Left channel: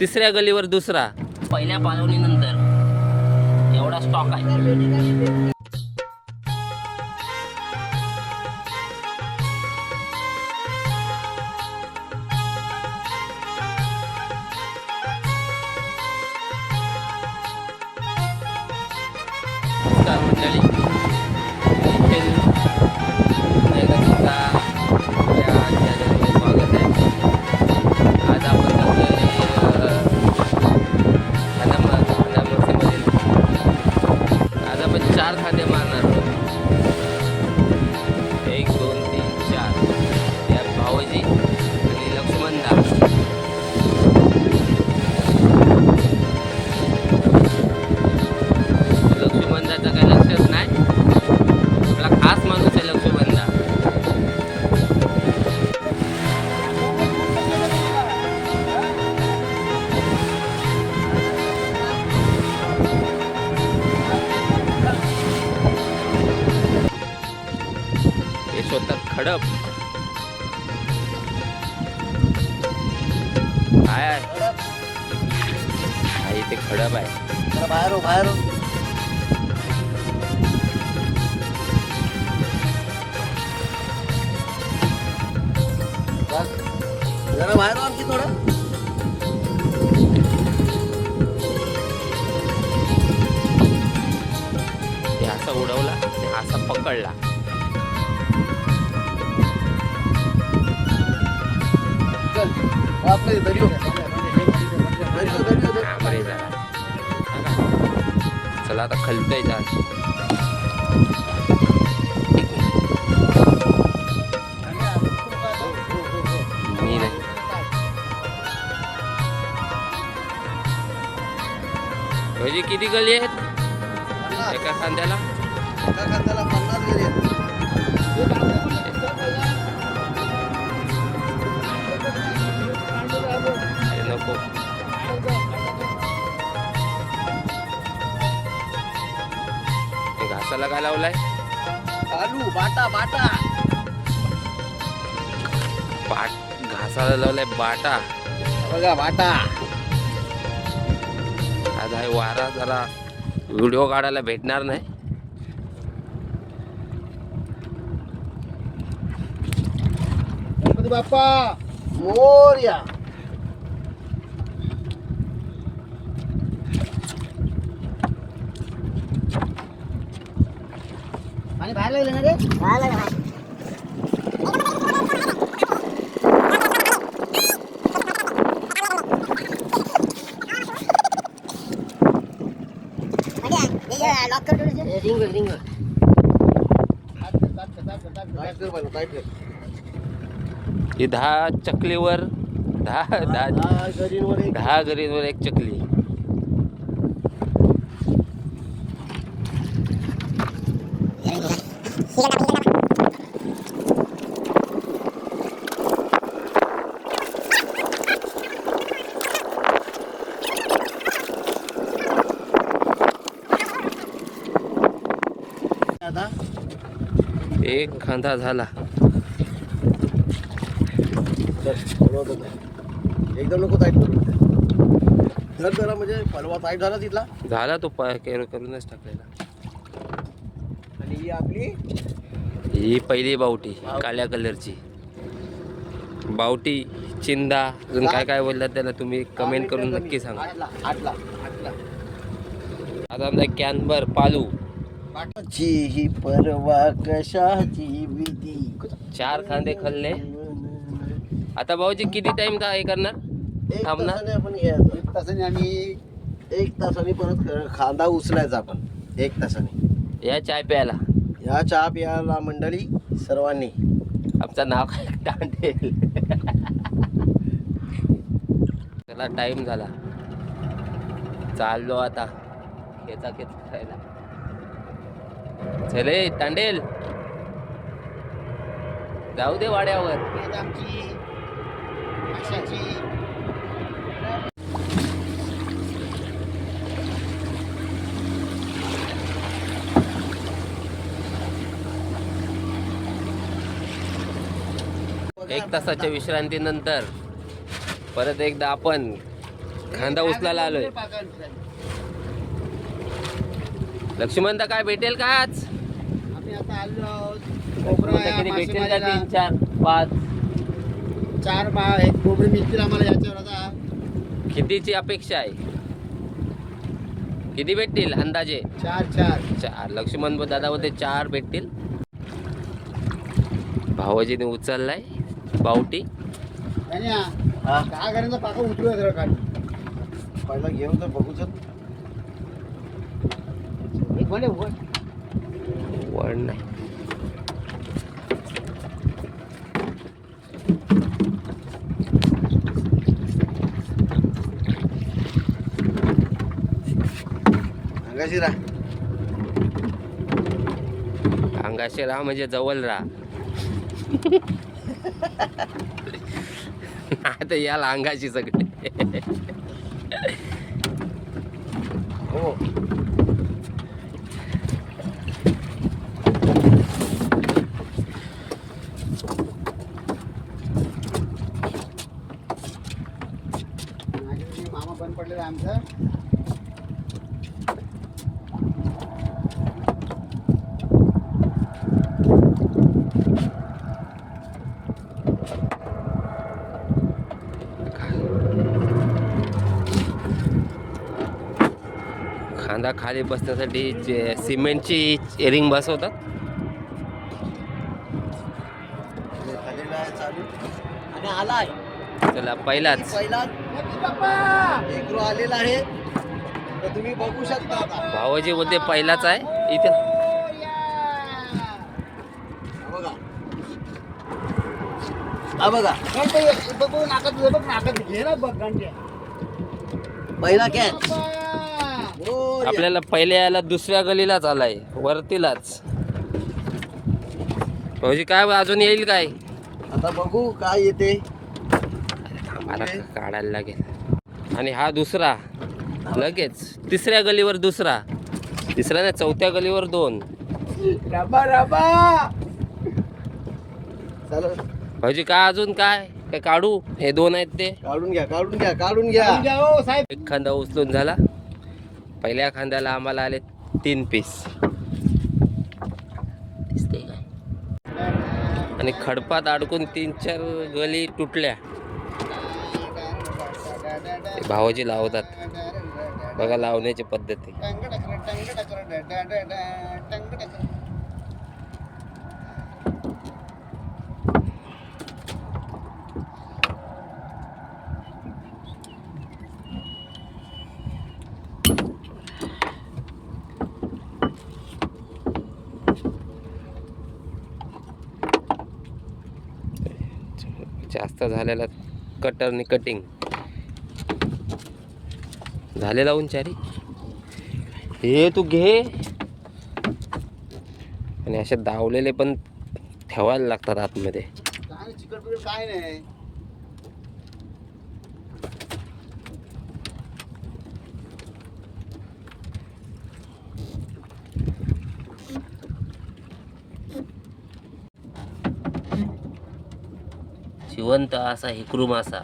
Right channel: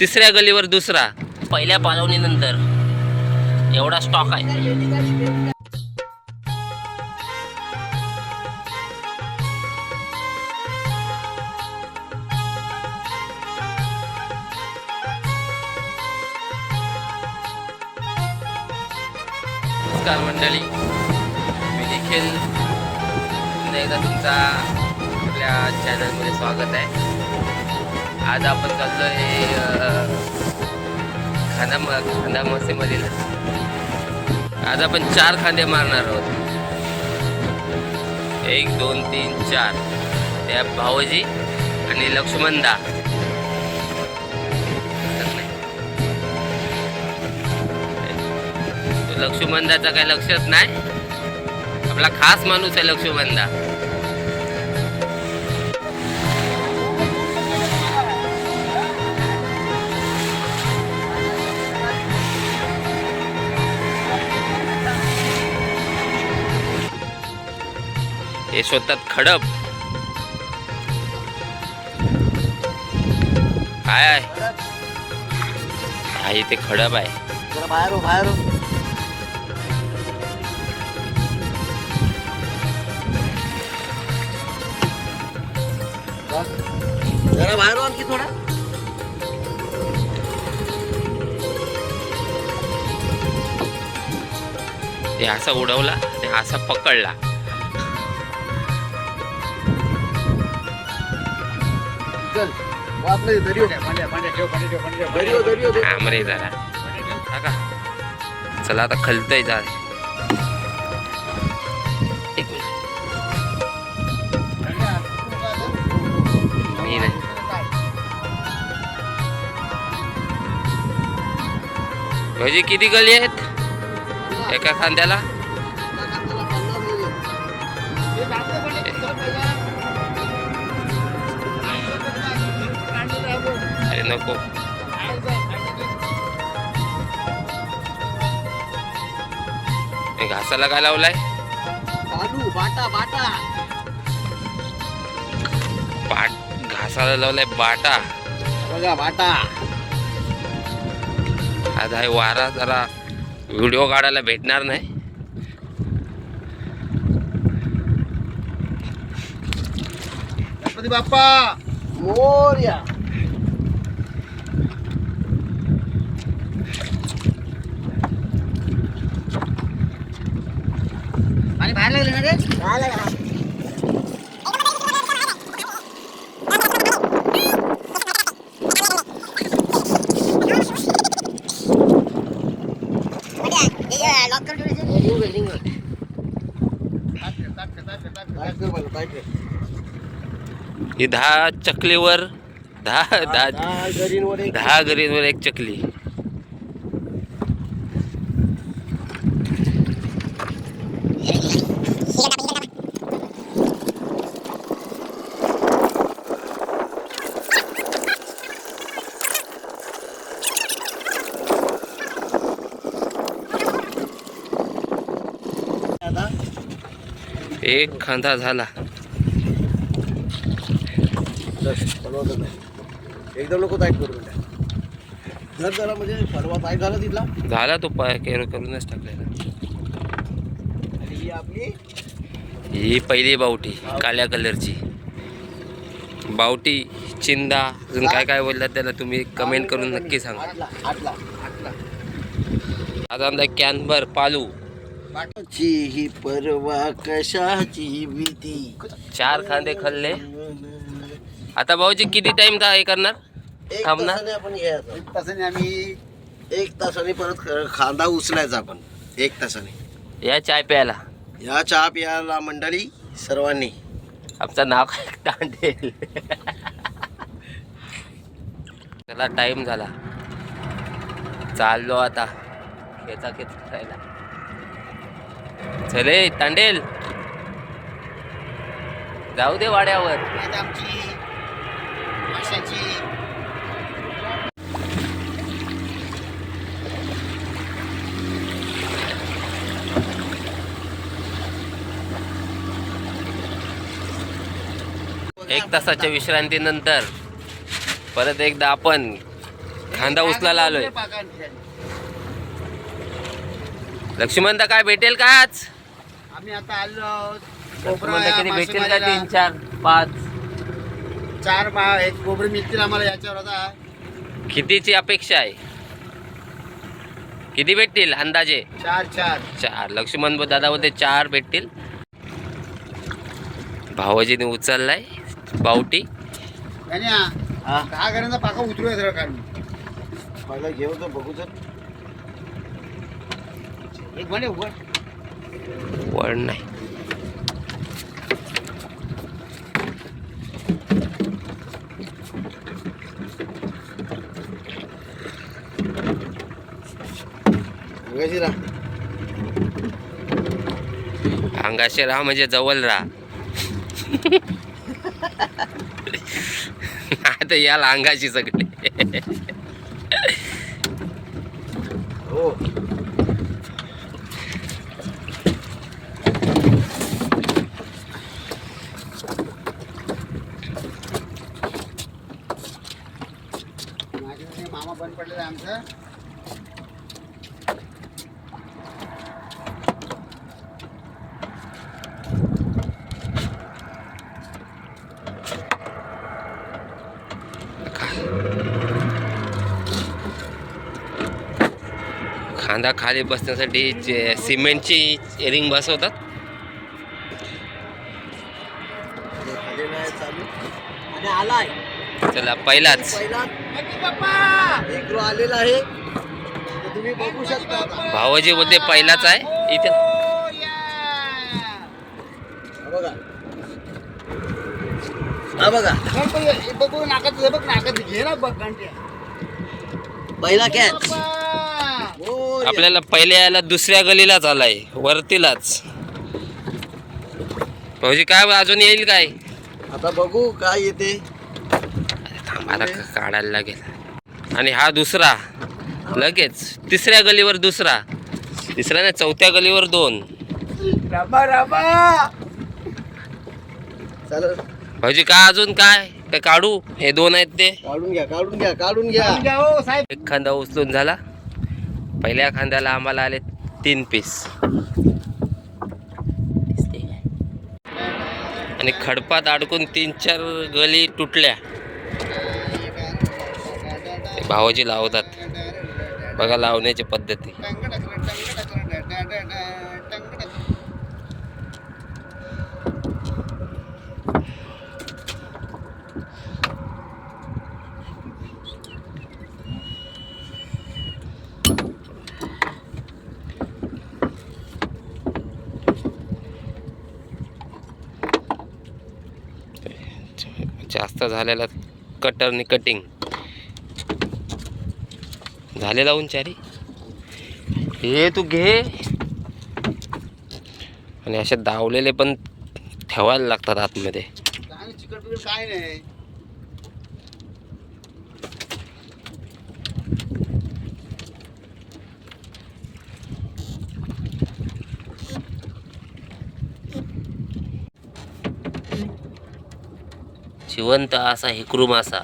तिसऱ्या गलीवर दुसरा. पहिल्या पालवणीनंतर एवढा स्टॉक आहे. नमस्कार मंडळी, मी निखिल. एकदा तुमचा आपल्या चॅनलमध्ये स्वागत आहे. आज आपण चाललो आहे खांदामसीमधील. आज आपण 4 खांदे मारणार आहोत. 1 2 3 4. त्या भाऊजी आणि लक्ष्मणदा. लक्ष्मणदाचा काही लक्षच नाही. आपला खास माणूस आहे लक्ष्मणदा. हे शोधतात खडप. काय आहे ते खडप आहे. बाहेर आणखी थोडं. ते असा उडवला, ते असा पकडला. मरे जरा. चला आता खलतय जा. मी नाही. भाजी किती गली आहेत एका खांद्याला? अरे नको. घासाला काय लावलाय? घासाला लावलाय बाटा. बाटा. आज आहे वारा, जरा व्हिडिओ काढायला भेटणार नाही. गणपती बाप्पा मोरया. आणि बाहेर लागले ना रे. ही 10 चकलीवर 10 गरींवर एक चकली. एक खांदा झाला. एकदम नको टाईट करू. जरा म्हणजे परवा टाईट झाला तिथला. झाला तो पाय करूनच टाकलेला. आणि ही आपली ही पहिली बावटी काळ्या कलरची बावटी. चिंदा अजून काय काय बोलतात त्याला तुम्ही कमेंट करून नक्की सांगा. आता आमचा कॅनभर पालू. ही परवा कशाची भीती. 4 खांदे खाल्ले. आता भाऊजी किती टाइम हे करणार? थांबणार. आपण घ्यायचं 1 तासाने. आम्ही 1 तासाने परत खांदा उचलायचा. आपण 1 तासाने या चहा प्यायला मंडळी सर्वांनी. आमचं नाव काय? तांडेल. चला टाइम झाला. चाललो आता खेचा खायला. चले तांडेल जाऊ दे वाड्यावर. आमची माशाची 1 तासाच्या विश्रांतीनंतर परत एकदा आपण खांदा उचलायला आलोय. लक्ष्मणदा काय भेटेल का आज? आम्ही आता आलो आहोत. लक्ष्मणदा किती भेटेल का? 3 4 5 4 आहेत कोबरे मिळतील आम्हाला याच्यावर. आता कितीची अपेक्षा आहे? किती भेटतील अंदाजे? 4 लक्ष्मण दादा बोलते 4 भेटतील. भावाजीने उचललाय बावटी. आणि 10 घरांचा पाका उतरूया जरा काढून. पहिला घेऊ तर बघू तर. एक म्हणे वड नाही. अंगाशी राहा म्हणजे जवळ राहा. आता याला अंगाशी सगळे. हो मामा बंद पडलेला आमचा. खांदा खाली बसण्यासाठी सिमेंटची रिंग बसवतात. आणि आलाय चला पहिलाच एक आलेला आहे तर तुम्ही बघू शकता. भावाजी बोलते पहिलाच आहे इथे. बघा हा बघा बघू नाकात बघ नाकात घे ना बघ गांड्या. पहिला कॅच. आपल्याला पहिले यायला दुसऱ्या गलीलाच आलाय वरतीलाच. भाऊजी काय अजून येईल काय? आता बघू काय येते. थांबाला काढायला लागेल. आणि हा दुसरा लगेच तिसऱ्या गलीवर दुसरा, तिसऱ्या ना चौथ्या गलीवर 2. चल भाऊजी काय अजून काय काय काढू? हे 2 आहेत ते काढून घ्या हो साहेब. एक खांदा उचलून झाला. पहिल्या खांद्याला आम्हाला आले 3 पीस. दिसते काय? आणि खडपात अडकून 3-4 गली तुटल्या. भावाजी लावतात बघा लावण्याची पद्धती. जास्त झालेला कटरनी कटिंग झाले लावून चारी. हे तू घे. आणि असे दावलेले पण ठेवायला लागतात आतमध्ये. काय नाही जिवंत असा हेकरू मासा.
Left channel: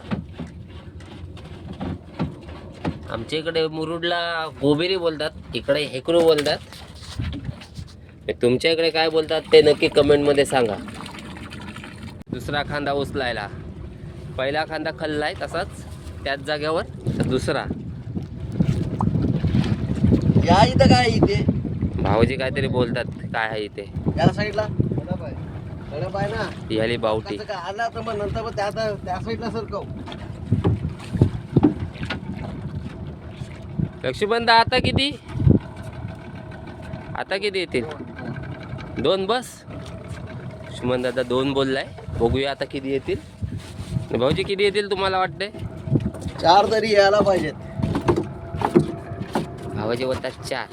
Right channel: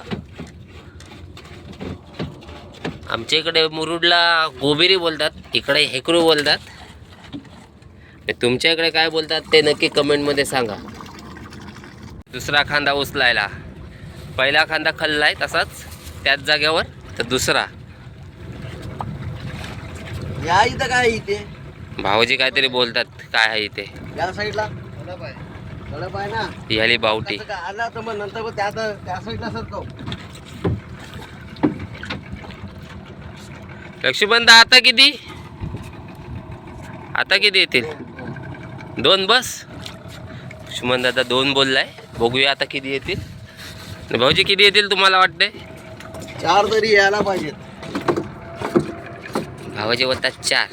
आमच्या इकडे मुरुडला गोबेरी बोलतात, इकडे हेकरू बोलतात. तुमच्या इकडे काय बोलतात ते नक्की कमेंटमध्ये सांगा. दुसरा खांदा उचलायला. पहिला खांदा खाल्लाय तसाच त्याच जागेवर, तर दुसरा या इथं काय इथे भाऊजी काहीतरी बोलतात. काय आहे इथे? या साईडला कडप आहे ना. याली बावटी. आला तर मग नंतर मग त्या साईडला सरकव. लक्ष्मणदा आता किती येतील? 2 बस. लक्ष्मण दादा 2 बोललाय. बघूया आता किती येतील. भाऊजी किती येतील तुम्हाला वाटते? 4 तरी यायला पाहिजेत. भावाजी बोलतात 4.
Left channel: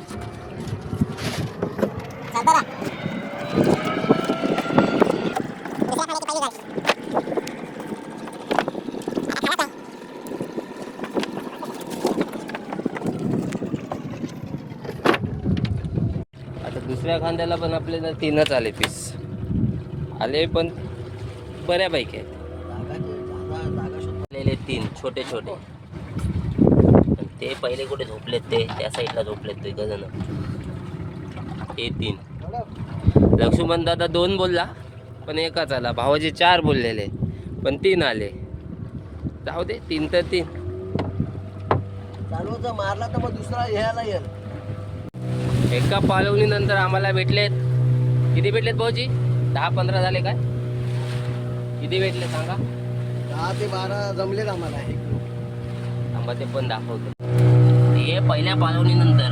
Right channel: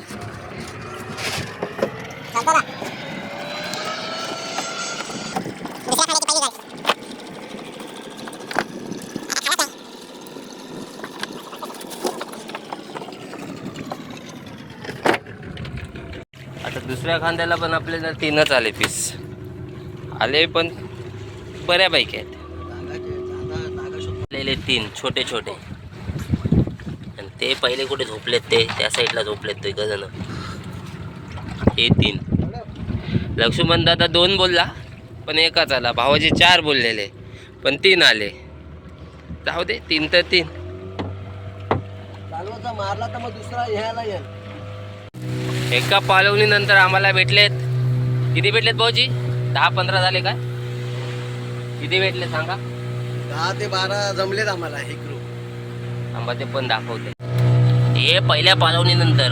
आता दुसऱ्या खांद्याला पण आपल्याला 3च आले पीस आले, पण बऱ्यापैकी आहेत. आलेले 3 छोटे छोटे. आणि ते पहिले कुठे झोपलेत ते त्या साईडला झोपलेत ते जण. हे 3. लक्ष्मण दादा 2 बोलला पण एकच आला. भावाजी 4 बोललेले पण 3 आले. जाऊ दे 3 तर 3. चालवाचा मारला तर मग दुसरा ह्याला येईल. एका पालवणीनंतर आम्हाला भेटलेत. किती भेटलेत भाऊजी? 10-15 झाले काय? किती भेटले सांगा? 10 ते 12 जमलेत आम्हाला हे ग्रुप. आम्हाला ते पण दाखवते. हे पहिल्या पालवणीनंतर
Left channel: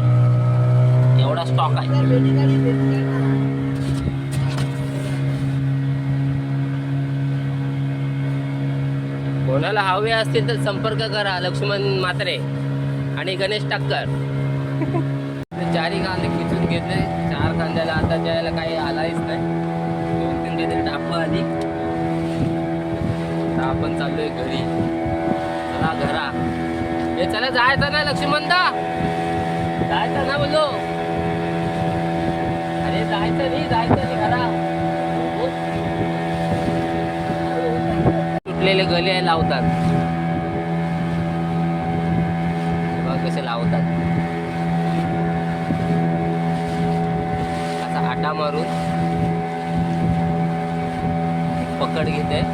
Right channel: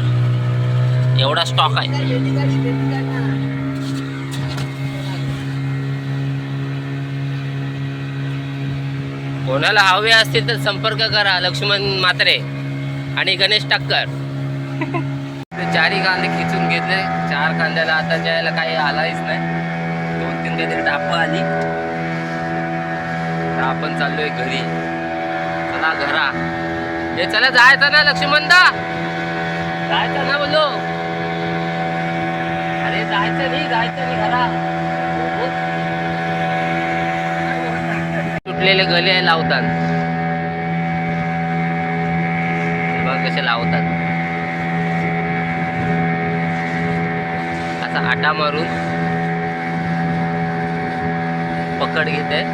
एवढा स्टॉक आहे. कोणाला हवे असतील तर संपर्क करा. लक्ष्मण म्हात्रे आणि गणेश टक्कर. 4 कांदे खिचून घेतले. 4 कांद्याला आता जायला काही आलाच नाही. 2-3 काहीतरी टापा आली. आता आपण चाललोय घरी. चला घरा. हे चला जायचं ना लक्ष्मणदा. जायचं ना बोलो. अरे जायचं नाही घरा. तुटलेले गले लावतात. बघ कसे लावतात. आता आटा मारून पकड घेते.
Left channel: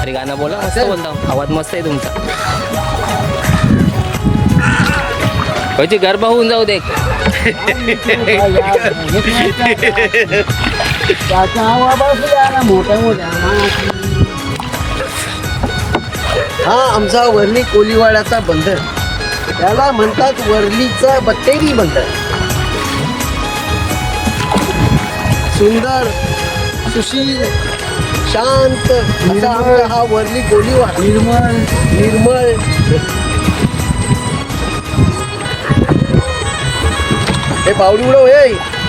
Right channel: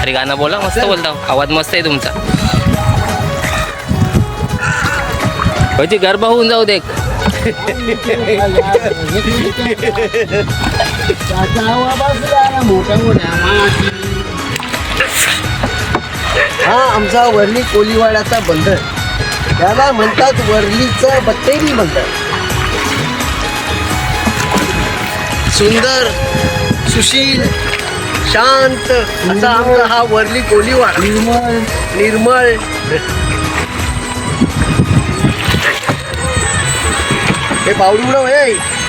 अरे गाणं बोला. मस्त बोलता. आवाज मस्त आहे तुमचा. म्हणजे गरबा होऊन जाऊ दे. मोठ्या मोठ्या हा आमचा वर्णी कोलीवाड्याचा बंदर. त्याला म्हणतात वर्लीचं बट्टेरी बंदर. सुंदर सुशील शांत असा आमचा हा वर्ली कोलीवाडा. निर्मळ हे पावडी उडव हे.